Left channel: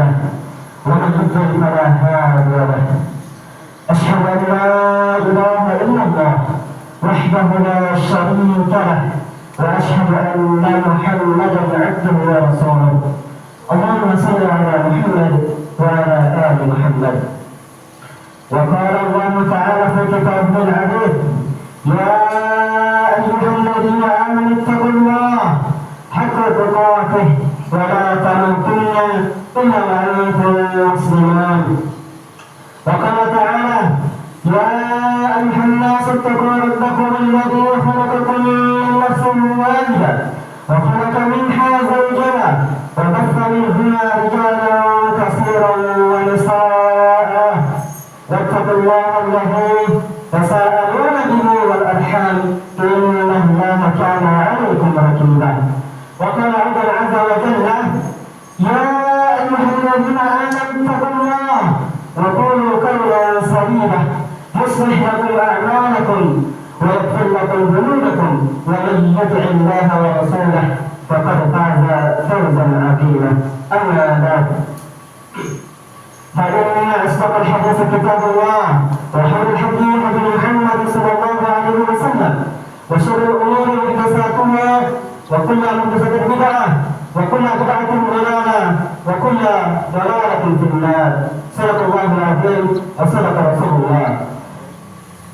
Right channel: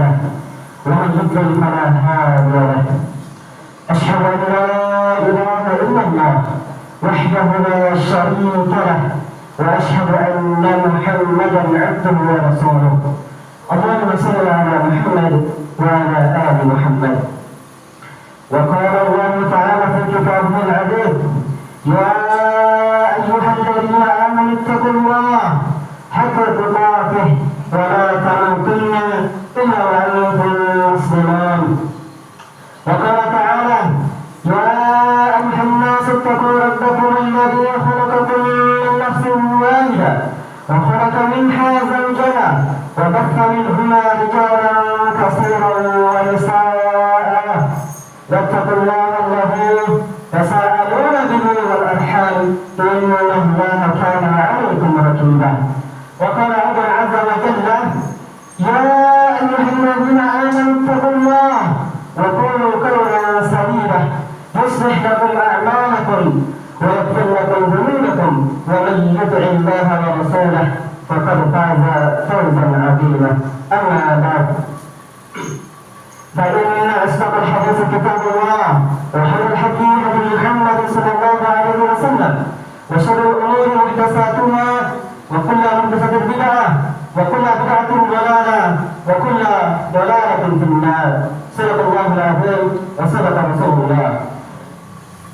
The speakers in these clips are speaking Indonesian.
له ومن يضلل فلا هادي له أشهد أن لا إله إلا الله وحده لا شريك له وأشهد أن محمدا عبده ورسوله اللهم صل على محمد وعلى آل محمد. وقال الله تعالى في كتابه العزيز يا أيها الذين آمنوا اتقوا الله حق تقاته ولا تموتن إلا وأنتم مسلمون. وقال تعالى يا أيها الناس اتقوا ربكم الذي خلقكم من نفس واحدة وخلق منها زوجها وبث منهما رجالا كثيرا ونساء واتقوا الله الذي تساءلون به والأرحام إن الله كان عليكم رقيبا. وقال أيضا عز وجل يا أيها الذين آمنوا اتقوا الله وقولوا قولا سديدا يصلح لكم أعمالكم ويغفر لكم ذنوبكم ومن يطع الله ورسوله فقد فاز فوزا عظيما. أما بعد فإن أصدق الحديث كتاب الله وخير الهدي هدي محمد صلى الله عليه وسلم وشر الأمور محدثاتها وكل محدثة بدعة وكل بدعة ضلالة وكل ضلالة في النار. صدق الله العظيم وصدق رسول الله.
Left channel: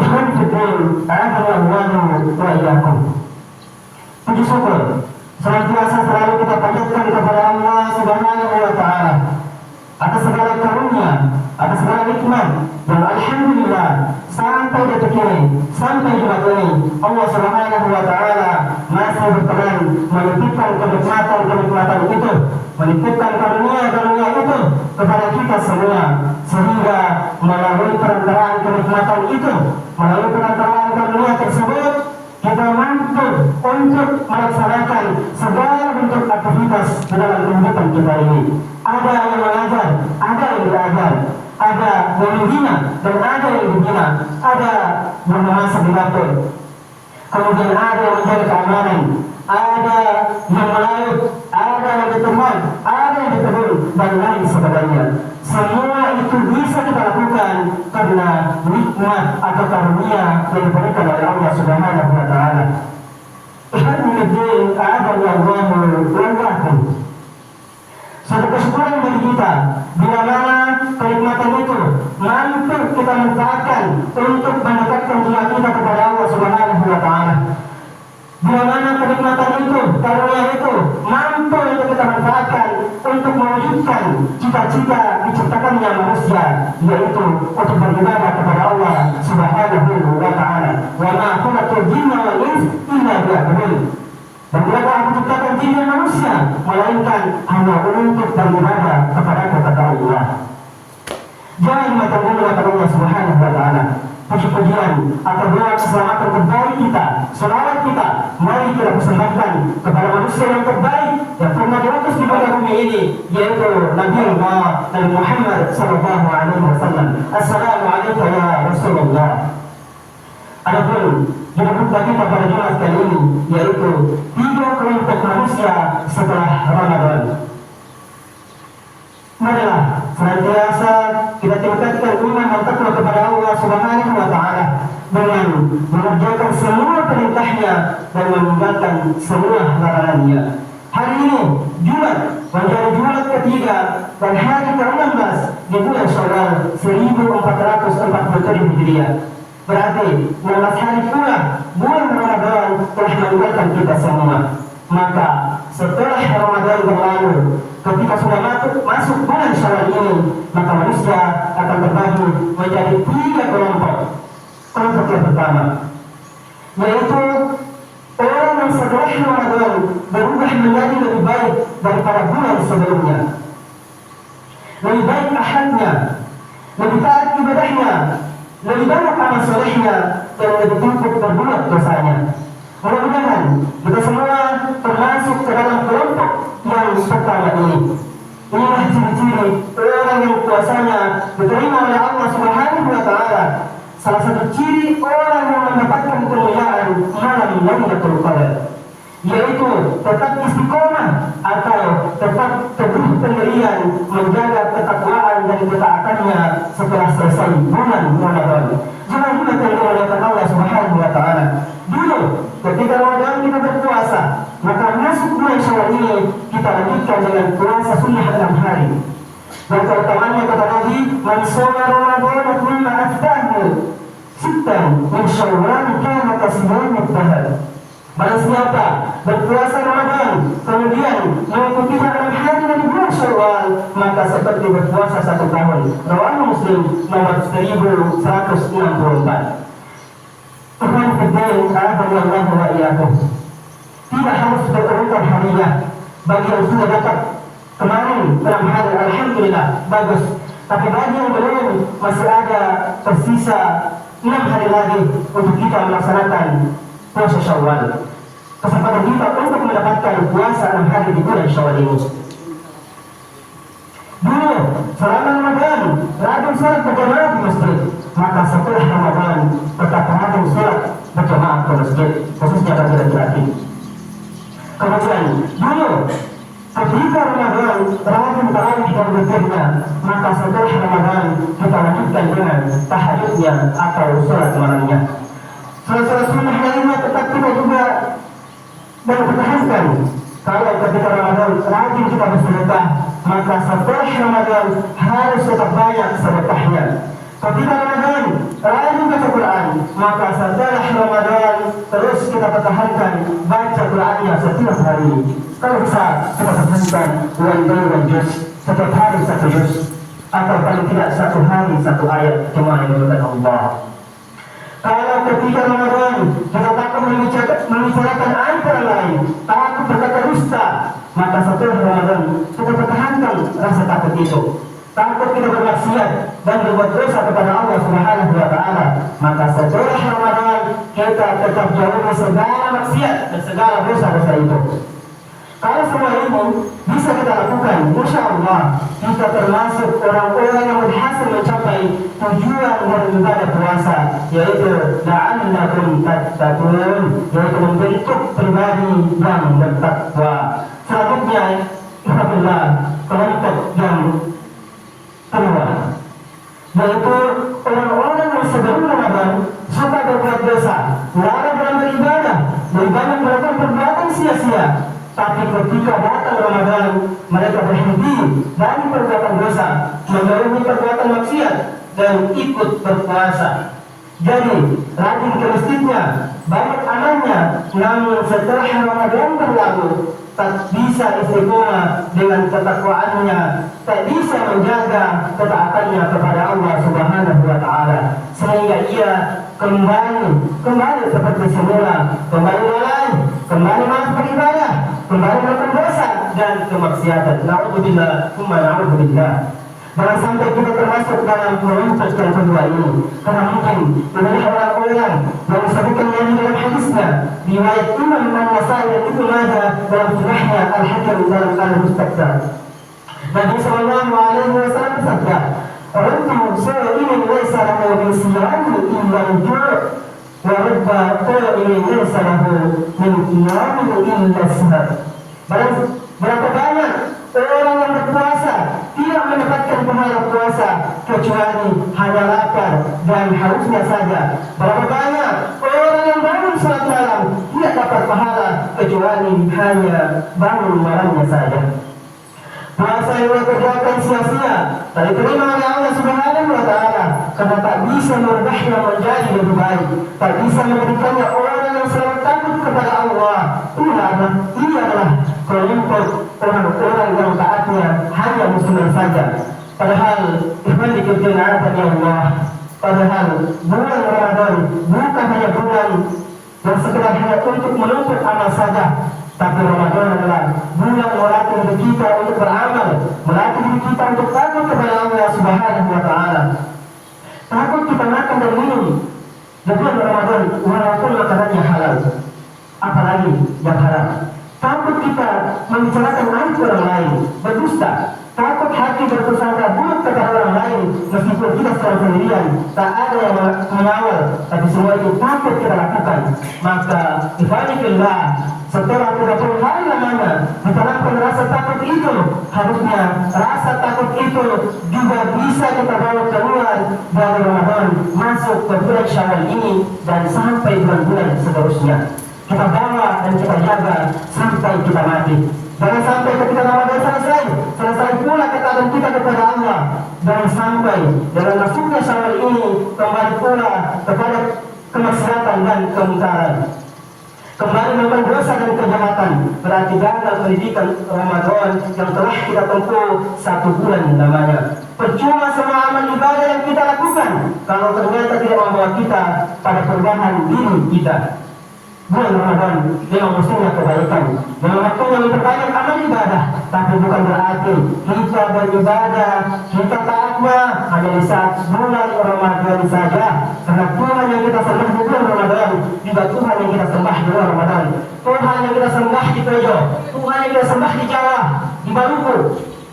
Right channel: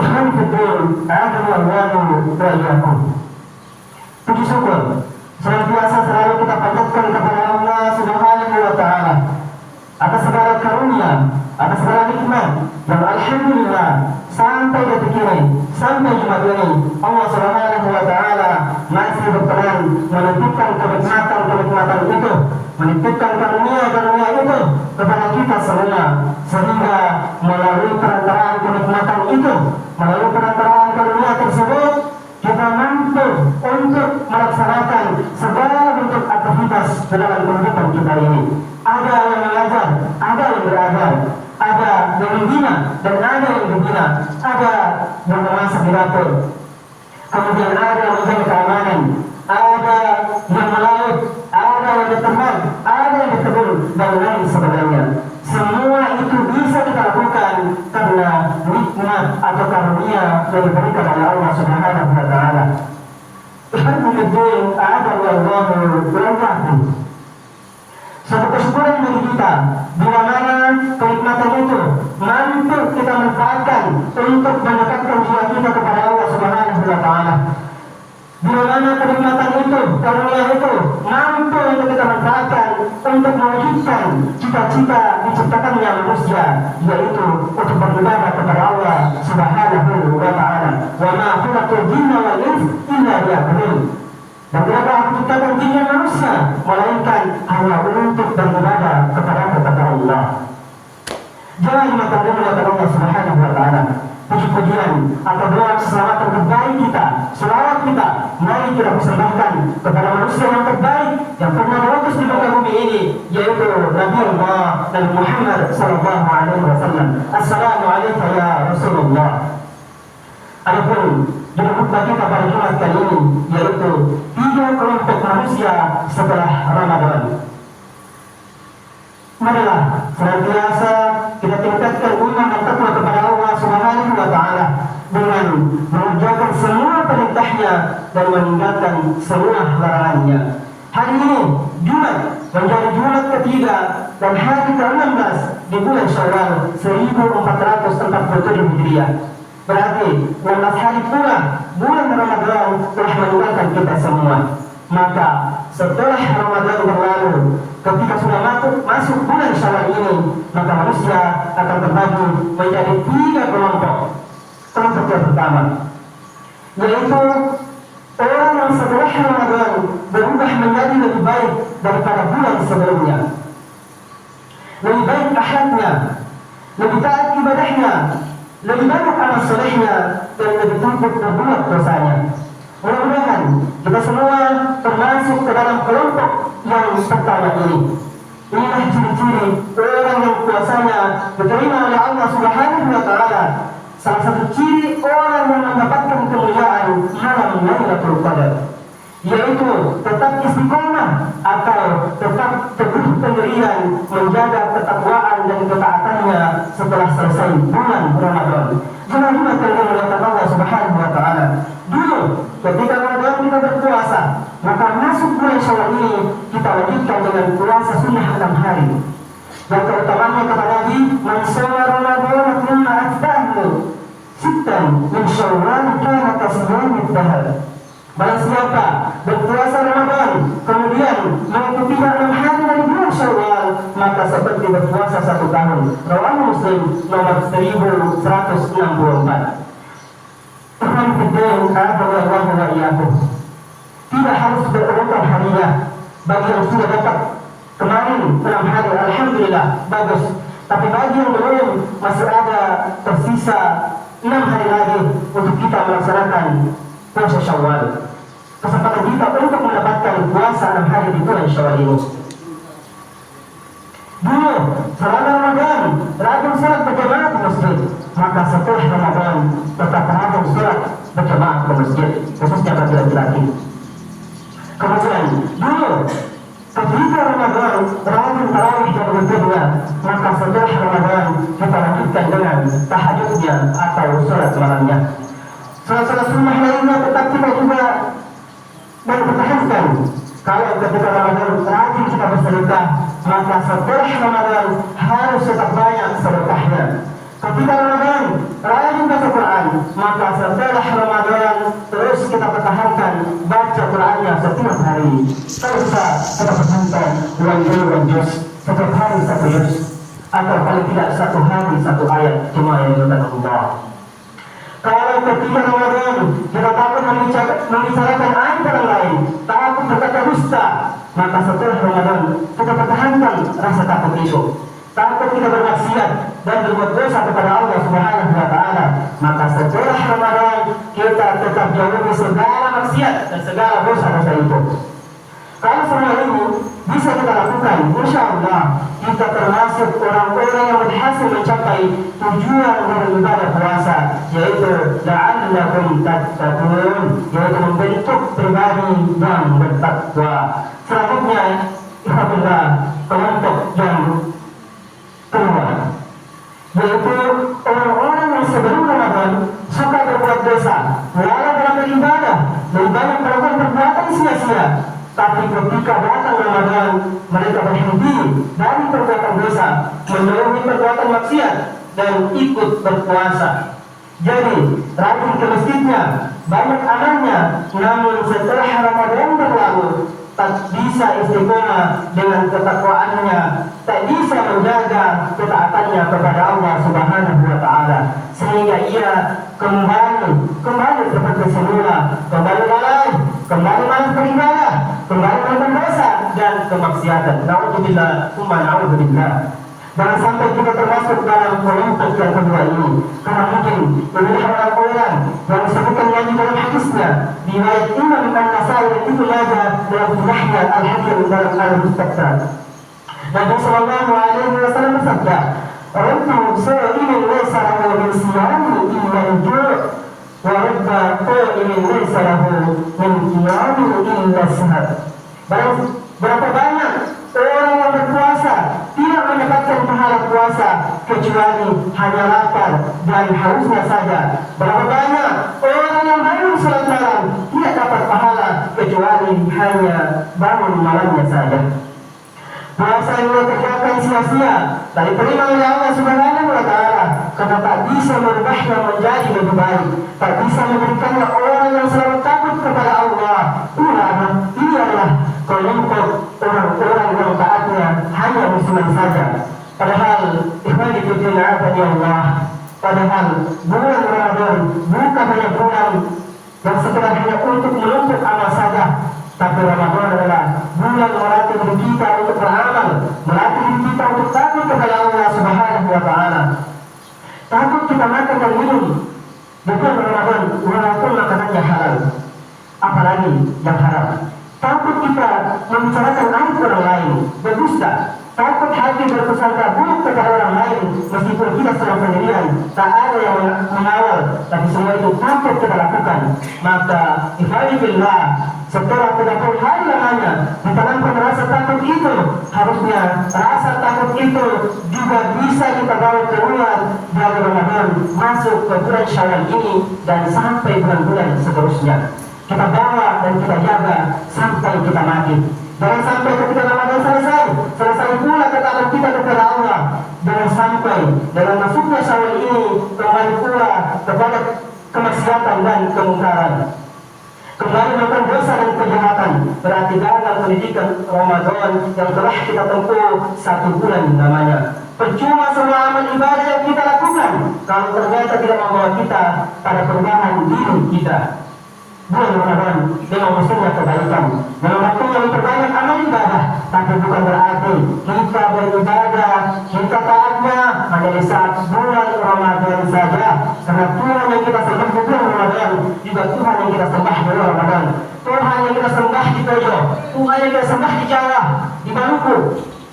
Ikhwan fiddin, a'adzani Allah wa iyyakum. Puji syukur senantiasa selalu kita panjatkan kepada Allah Subhanahu wa taala atas segala karunia, atas segala nikmat yang alhamdulillah sampai detik ini, sampai Jumat ini Allah Subhanahu wa taala masih berkenan menitipkan kenikmatan itu, menitipkan karunia itu kepada kita semua, sehingga melalui perantaraan kenikmatan itu, melalui perantaraan karunia tersebut kita mampu untuk melaksanakan segala bentuk aktivitas dalam kehidupan kita ini. Ada yang mengajar, ada yang belajar, ada yang membina dan ada yang dibina, ada yang memasak di dapur, kemudian ada yang menjaga keamanan, ada yang melaut, ada yang berteman, ada yang bertebur dan lain sebagainya. Semua itu bisa kita lakukan karena nikmat atau karunia yang diberikan oleh Allah Subhanahu wa taala. Alhamdulillah, a'adallahu wa iyyakum. Satu kesyukuran bagi kita bila mana kenikmatan itu mampu kita manfaatkan untuk mendekatkan jiwa kita kepada Allah Subhanahu wa taala. Bila mana kenikmatan itu, karunia itu mampu untuk kita manfaatkan untuk mewujudkan cita-cita diciptakannya manusia, yaitu untuk beribadah kepada Allah Subhanahu wa taala. Wa ma khalaqtul jinna wal insa illa liya'budun. Dan tidak akan menciptakan jin dan manusia melainkan hanya untuk beribadah kepada Allah. Jangan mengatakan kepada Allah Subhanahu wa taala. Puji-pujian atau doa keselamatan terbaik kita, selawat kita, mari kita persembahkan kepada manusia yang terbaik yang pernah diutus di muka bumi ini, yaitu Nabi Allah Nabi Muhammad sallallahu alaihi wasallam. Assalamualaikum ya Rasulullah. Adapun judul khutbah kita pada Jumat kali ini yaitu 3 kelompok manusia setelah Ramadan. Marilah senantiasa kita tingkatkan iman dan takwa kepada Allah Subhanahu wa taala dengan mengerjakan semua perintahnya dan meninggalkan semua larangannya. Hari ini Jumat menjadi Jumat ketiga dan hari ke-16 di bulan Syawal 1447 Hijriah. Berarti 16 hari pula bulan Ramadan telah meninggalkan kita semua. Maka setelah Ramadan berlalu, ketika sudah masuk bulan Syawal ini, maka manusia akan terbagi menjadi 3 kelompok. Kelompok yang pertama yaitu orang yang setelah Ramadan berubah menjadi lebih baik daripada bulan sebelumnya, lebih baik akhlaknya, lebih taat ibadahnya, lebih banyak amal solehnya, dan lebih takut berbuat dosanya. Mudah-mudahan kita semua termasuk ke dalam kelompok yang pertama ini. Inilah ciri-ciri orang yang kuasanya diterima oleh Allah Subhanahu wa taala. Salah satu ciri orang yang mendapatkan kemuliaan malam Lailatul Qadar, yaitu tetap istiqomah atau tetap teguh pendirian menjaga ketakwaan dan ketaatannya setelah selesai bulan Ramadan. Jangan lupa kalian Allah Subhanahu wa taala. Dulu ketika Ramadan kita berpuasa, maka masuk bulan Syawal ini kita lanjutkan dengan puasa sunnah 6 hari. Dan keutamaannya kata Nabi, "Man shoma Ramadan thumma atba'ahu sittan min Syawal kana kasiyamid dahr." Barang siapa berpuasa Ramadan kemudian mengikuti 6 hari dari bulan Syawal, maka seperti berpuasa 1 tahun. Rawahu Muslim nomor 1164. Tuhan Fiddin Alhamdulillah wa iyyakum. Tidak harus berurutan harinya. Bagi yang sudah dapat kemarin 6 hari, alhamdulillah, bagus. Tapi bagi yang belum, masih ada tersisa 6 hari lagi untuk kita melaksanakan puasa Syawal. Kesempatan kita untuk mendapatkan puasa 6 hari di bulan Syawal ini. Dulu, selama Ramadan, rajin sholat berjamaah di masjid. Maka setelah Ramadan, tetap rajin sholat berjamaah ke masjid, khususnya bagi laki-laki. Kemudian, dulu, ketika Ramadan, rajin tarawih dan witirnya. Maka setelah Ramadan, kita lanjutkan dengan tahajudnya atau sholat malamnya. Salah-salah sunnah lainnya tetap kita juga berpertahankan. Kalau ketika Ramadan rajin kita bersedekah, maka setelah Ramadan harus tetap banyak sedekahnya. Ketika Ramadan rajin baca Quran, maka setelah Ramadan terus kita pertahankan baca Qurannya setiap hari. Kalau bisa kita pertahankan one juz, setiap hari 1 juz, atau paling tidak 1 hari 1 ayat cuma yang dari Allah. Kalau ketika Ramadan kita takut membicarakan aib orang lain, takut berkata dusta, maka setelah Ramadan kita pertahankan rasa takut itu. Takut kita bermaksiat dan berbuat dosa kepada Allah Subhanahu wa taala, maka setelah Ramadan kita tetap jauhi segala maksiat dan segala dosa-dosa itu. Kalau semua ini bisa kita lakukan, insya Allah kita termasuk orang-orang yang berhasil mencapai tujuan dari ibadah puasa, yaitu la'allakum tattaqun, yaitu membentuk pribadi yang bertakwa. Selanjutnya, alhamdulillah, kelompok yang kedua, yaitu orang-orang yang sebelum Ramadan suka berbuat dosa, lalai dalam beribadah, lebih banyak melakukan perbuatan sia-sia. Tapi ketika datang Ramadan, mereka berhenti dari perbuatan dosa, menjauhi perbuatan maksiat, dan ikut berpuasa. Jadi, rajin ke masjidnya, banyak amalnya, namun setelah Ramadan berlalu, tak bisa istiqomah dengan ketakwaannya, tak bisa menjaga ketaatannya kepada Allah Subhanahu wa taala, sehingga ia kembali seperti semula, kembali lalai, kembali malas beribadah, kembali melakukan dosa dan kemaksiatan. Na'udzubillah, na'udzubillah. Jangan sampai kita termasuk dalam kelompok yang kedua ini, karena mungkin beberapa orang-orang yang disebutkan Nabi dalam hadisnya, riwayat Imam An-Nasai dan Ibnu Majah dalam Sahihnya Al-Hakim dalam Al-Mustadrak. Nabi sallallahu alaihi wasallam bersabda, "Rubba sha'imin laysa lahu min siyami illa al-ju', wa rubba qa'imin laysa lahu min qiyami illa as-sahar." Berapa banyak orang yang berpuasa tidak mendapatkan pahala puasa kecuali hanya lapar dan hausnya saja. Berapa banyak orang yang bangun salat malam tidak dapat pahala kecuali hanya bangun malamnya saja. Puasa yang dikerjakan sia-sia tak diterima oleh Allah Subhanahu wa taala, karena tak bisa merubahnya menjadi lebih baik, tak bisa memberikannya orang yang selalu takut kepada Allah. Ini adalah kelompok orang-orang yang taatnya hanya musliman saja. Padahal ikhwani fillah Allah, padahal bulan Ramadan bukan hanya bulan yang sekedar hanya untuk menuntut amal saja, tapi Ramadan adalah bulan melatih diri kita untuk beramal, melatih diri kita untuk takut kepada Allah Subhanahu wa taala. Takut kita makan dan minum di bulan Ramadan walaupun makanannya halal, apalagi yang haram. Takut kita membicarakan aib orang lain, berdusta. Takut hati berprasangka buruk kepada orang lain, meskipun kita sedang sendirian, tak ada yang mengawal, tapi semua itu takut kita lakukan. Maka ikhwani fillah, setelah 30 hari lamanya ditanamkan rasa takut takut itu, harusnya rasa takut itu juga bisa kita bawa keluar dari Ramadan masuk ke bulan Syawal ini dan sampai bulan-bulan seterusnya. Kita bawa dan kita jaga sampai kita mati. Jangan sampai ketika Ramadan selesai pula ketaatan kita kepada Allah. Jangan sampai dengan masuknya Syawal ini kembali pula kepada kemaksiatan dan kemungkaran, kembali melakukan dosa dan kejahatan. Berarti gagal pendidikan Ramadan yang telah kita tempuh 1 bulan namanya. Percuma semua amal ibadah yang kita lakukan kalau ternyata tidak membawa kita pada perubahan diri kita. Bulan Ramadan memang musimnya kebaikan, memang waktunya memperbanyak amal ibadah, tapi bukan berarti kita beribadah, kita taatnya hanya di saat bulan Ramadan saja. Karena Tuhan yang kita sembah di bulan Ramadan juga Tuhan yang kita sembah di bulan Ramadan. Tuhan yang kita sembah di Tojo, Tuhan yang kita sembah di Jawa, di Maluku,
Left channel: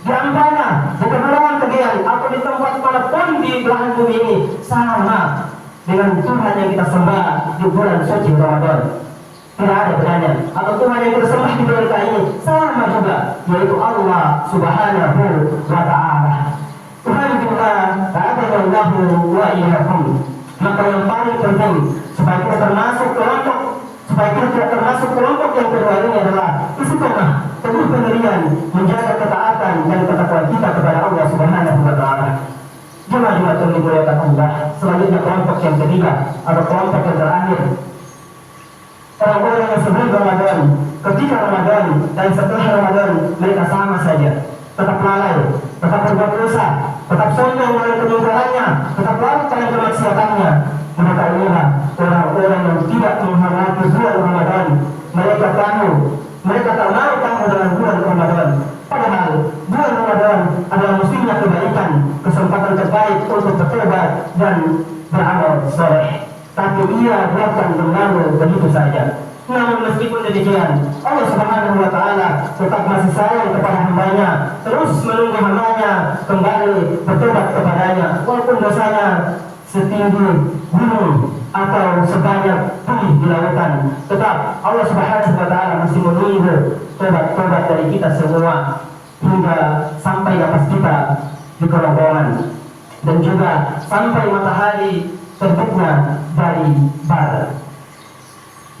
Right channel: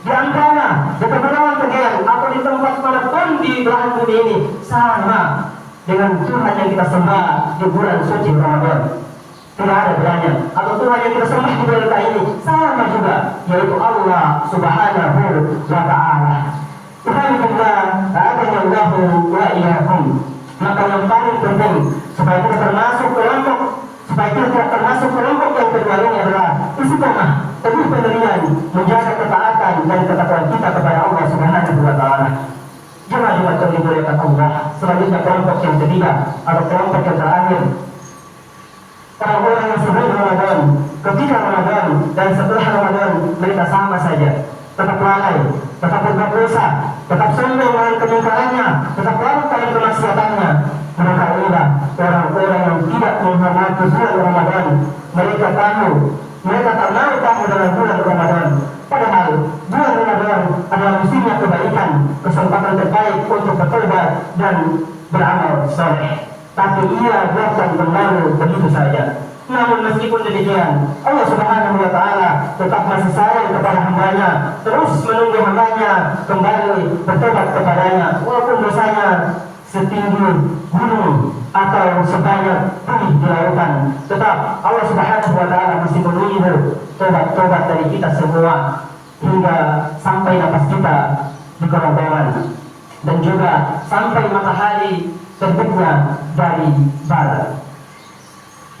di Ampana, di Kepulauan Kegean, atau di tempat manapun di belahan bumi ini, sama dengan Tuhan yang kita sembah di bulan suci Ramadan. Tidak ada bedanya. Atau Tuhan yang kita sembah di bulan ini sama juga, yaitu Allah Subhanahu wa Ta'ala. Tuhan kita ta'adillahu wa iyyakum. Maka yang paling penting supaya kita termasuk kelompok, supaya kita tidak termasuk kelompok yang kedua ini adalah istiqomah, teguh pendirian, menjaga ketaatan dan ketakwaan kita kepada Allah Subhanahu wa Ta'ala. Jemaah termuliakan Allah. Selanjutnya kelompok yang ketiga atau kelompok yang terakhir, orang-orang yang sebelum Ramadan, ketika Ramadan dan setelah Ramadan mereka sama saja, tetap lalai, tetap berbuat dosa, tetap sombong dengan kemungkarannya, tetap melakukan kemaksiatannya. Mereka inilah orang-orang yang tidak menghormati bulan Ramadan. Mereka tahu, mereka tak mau tahu dengan bulan Ramadan. Padahal bulan Ramadan adalah musimnya kebaikan, kesempatan terbaik untuk bertobat dan beramal soleh. Tapi ia biarkan berlalu begitu saja. Namun meskipun demikian, Allah Subhanahu wa Ta'ala tetap masih sayang kepada hambanya, terus menunggu hambanya kembali bertobat kepadanya, walaupun dosanya setinggi gunung atau sebanyak bumi di lautan. Tetap Allah Subhanahu wa Ta'ala masih menunggu tobat-tobat dari kita semua hingga sampai nafas kita di kerongkongan dan juga sampai matahari terbitnya dari barat.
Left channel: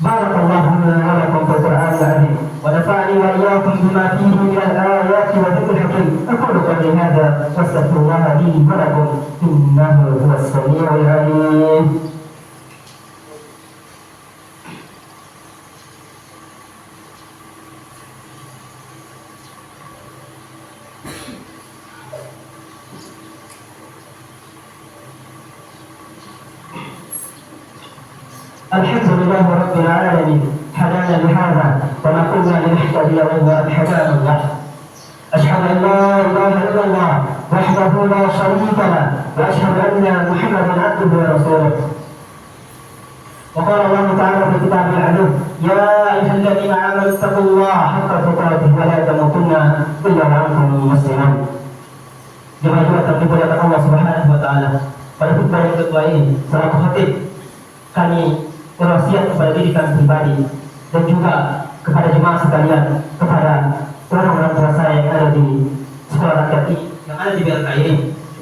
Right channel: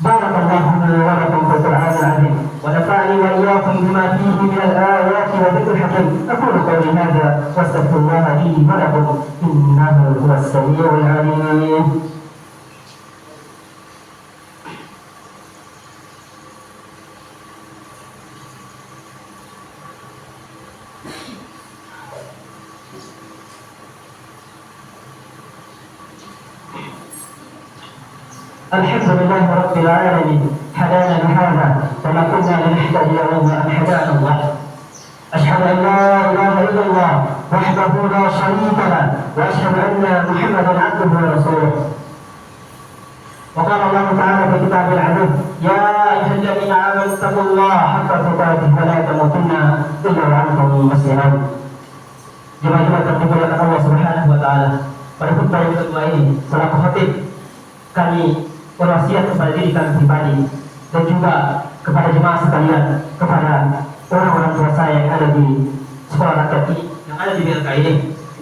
Barakallahu lana wa lakum fil Qur'anil 'azim wa nafa'ani wa iyyakum bima fihi min al-ayati wa dzikril hakim. Aqulu qawli hadza wa astaghfirullaha li wa lakum innahu huwas samii'ul 'aliim. Alhamdulillah Rabbil Alamin, hadana lihada wa ma kunna linahtadiya lawla an hadana Allah. Ashhadu an la ilaha illallah wahdahu la sharika lah wa ashhadu anna Muhammadan abduhu wa rasuluh. Wa qala Allah Ta'ala fi kitabil 'azim, ya ayyuhalladzina amanu taqullaha haqqa tuqatih wa la tamutunna illa wa antum muslimun. Jemaah termuliakan Allah Subhanahu wa Ta'ala, pada khutbah yang kedua ini selaku khatib kami berwasiat kepada diri kami pribadi dan juga kepada jemaah sekalian, kepada orang-orang tua saya yang ada di sekolah rakyat ini, yang ada di BRK ini,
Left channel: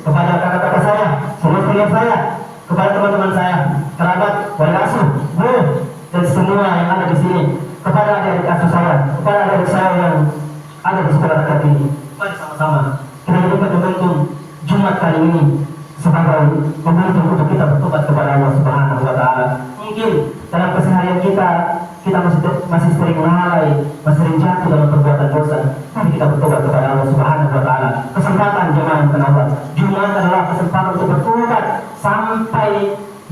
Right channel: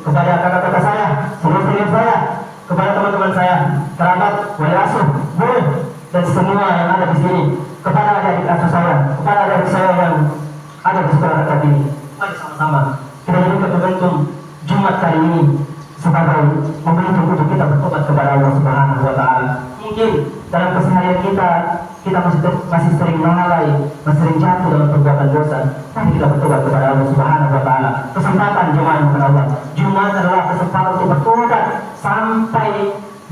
kepada kakak-kakak saya, seluruh saya, kepada teman-teman saya, kerabat, wali asuh, guru, dan semua yang ada di sini, kepada adik-adik asuh saya, kepada adik-adik saya yang ada di sekolah rakyat ini. Mari sama-sama kita jadikan momentum Jumat kali ini sebagai momentum untuk kita bertobat kepada Allah Subhanahu wa Ta'ala. Mungkin dalam keseharian kita masih sering lalai, masih sering jatuh dalam perbuatan dosa. Tapi kita bertobat kepada Allah Subhanahu wa Ta'ala. Kesempatan jemaah yang Allah, Jumat adalah kesempatan untuk bertobat sampai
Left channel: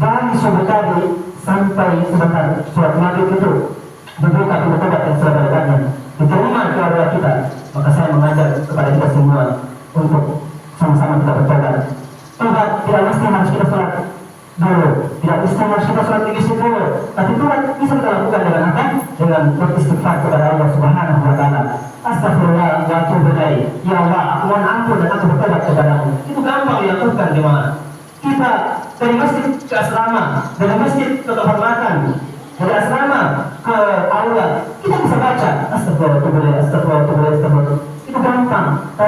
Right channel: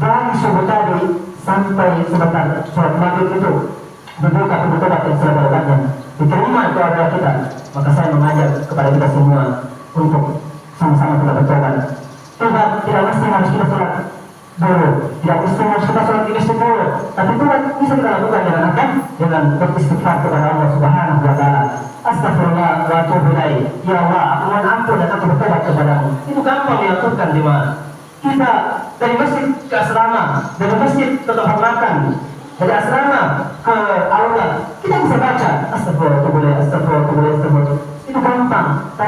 dari subuh tadi sampai sebentar surat maghrib itu dibuka bertobat yang sebenarnya diterima keluarga kita. Maka saya mengajak kepada kita semua untuk sama-sama kita bertobat. Tobat tidak mesti harus kita sholat dulu, tidak mesti harus kita sholat ini dulu, tapi tobat bisa kita lakukan dengan apa? Dengan beristighfar kepada Allah Subhanahu wa Ta'ala. Astagfirullah wa atubu ilaih. Ya Allah, aku mohon ampun dan aku bertobat kepadamu. Itu gampang dilakukan jemaah. Kita dari masjid ke asrama, dari masjid ke tempat makan, dari asrama ke aula, kita bisa baca astagfirullah, astagfirullah, astagfirullah. Itu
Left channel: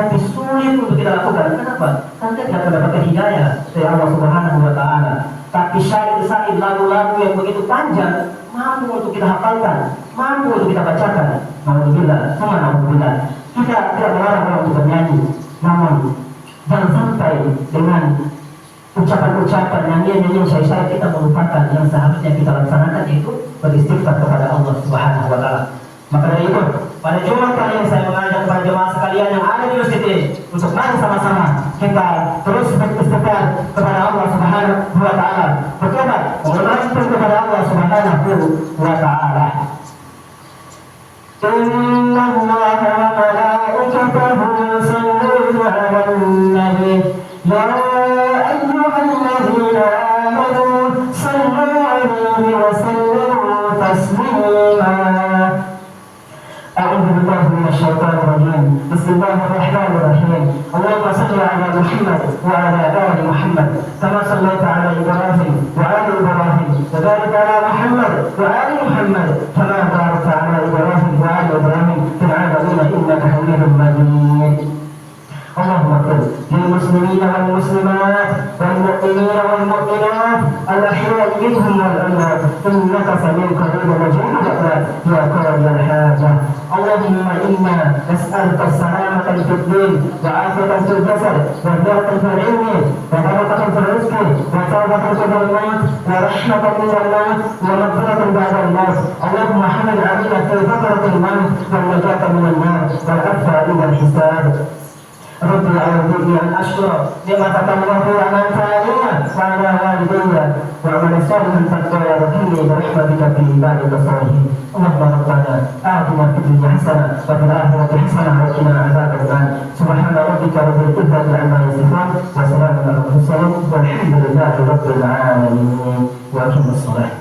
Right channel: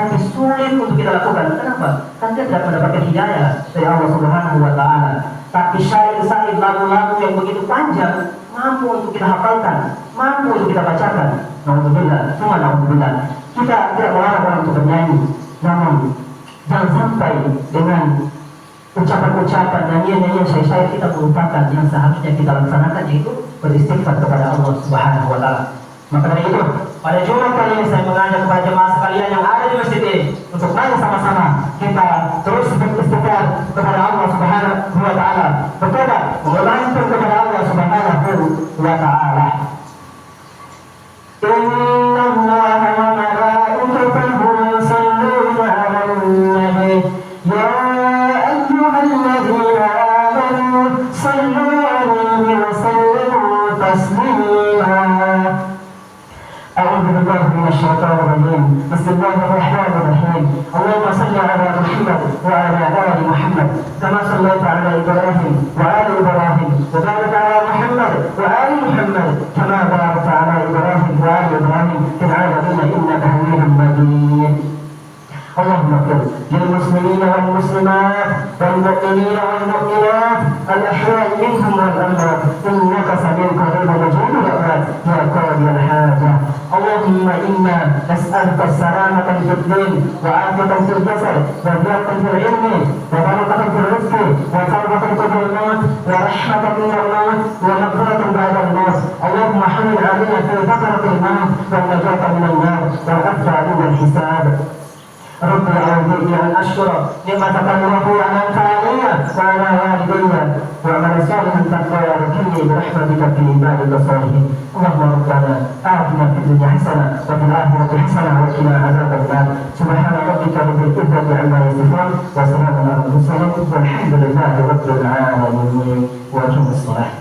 tapi sulit untuk kita lakukan. Kenapa? Karena kita tidak mendapatkan hidayah dari Allah Subhanahu wa Ta'ala. Tapi syair-syair lagu-lagu yang begitu panjang mampu untuk kita hafalkan, mampu untuk kita bacakan. Alhamdulillah, alhamdulillah. Kita tidak melarang orang untuk bernyanyi, namun jangan sampai dengan ucapan-ucapan, nyanyian-nyanyian syair-syair kita melupakan yang seharusnya kita laksanakan, yaitu beristighfar kepada Allah Subhanahu wa Ta'ala. Maka dari itu, pada Jumat kali ini saya mengajak kepada jemaah sekalian yang ada di masjid ini untuk mari sama-sama kita terus beristighfar kepada Allah Subhanahu wa Ta'ala, bertobat, memohon kepada Allah Subhanahu wa Ta'ala. Inna Allaha wa malaikatahu yusalluna 'alan nabi ya ayyuhalladzina amanu sallu 'alaihi wa sallimu taslima. أعوذ بالله من الشيطان الرجيم. بسم الله الرحمن الرحيم. اللهم صل على محمد وعلى آل محمد كما صليت على إبراهيم وآل إبراهيم وبارك على محمد وآل محمد كما باركت على إبراهيم وآل إبراهيم في العالمين إنك حميد مجيد. اللهم اغفر للمسلمين والمسلمات والمؤمنين والمؤمنات الأحياء منهم والأموات إنك سميع قريب مجيب الدعوات يا قاضي الحاجة. اللهم إنا نسألك السلامة في الدين وعافية في الجسد وزيادة في العلم وبركة في الرزق وتوبة في الموت ورحمة من الموت ومغفرة بعد الموت. اللهم حمل علينا في فترة الموت والنجاة من النار والعفو عند الحساب. رب أعوذني أن أشكر نعمتك التي أنعمت علي وعلى والدي وأعمل صالحا ترضى وادخلني برحمتك في عبادك الصالحين. اللهم ربنا آتنا في الدنيا حسنة وفي الآخرة حسنة وقنا عذاب النار. سبحان ربك رب العزة عما يصفون وسلام على المرسلين والحمد لله رب العالمين. وأقم الصلاة.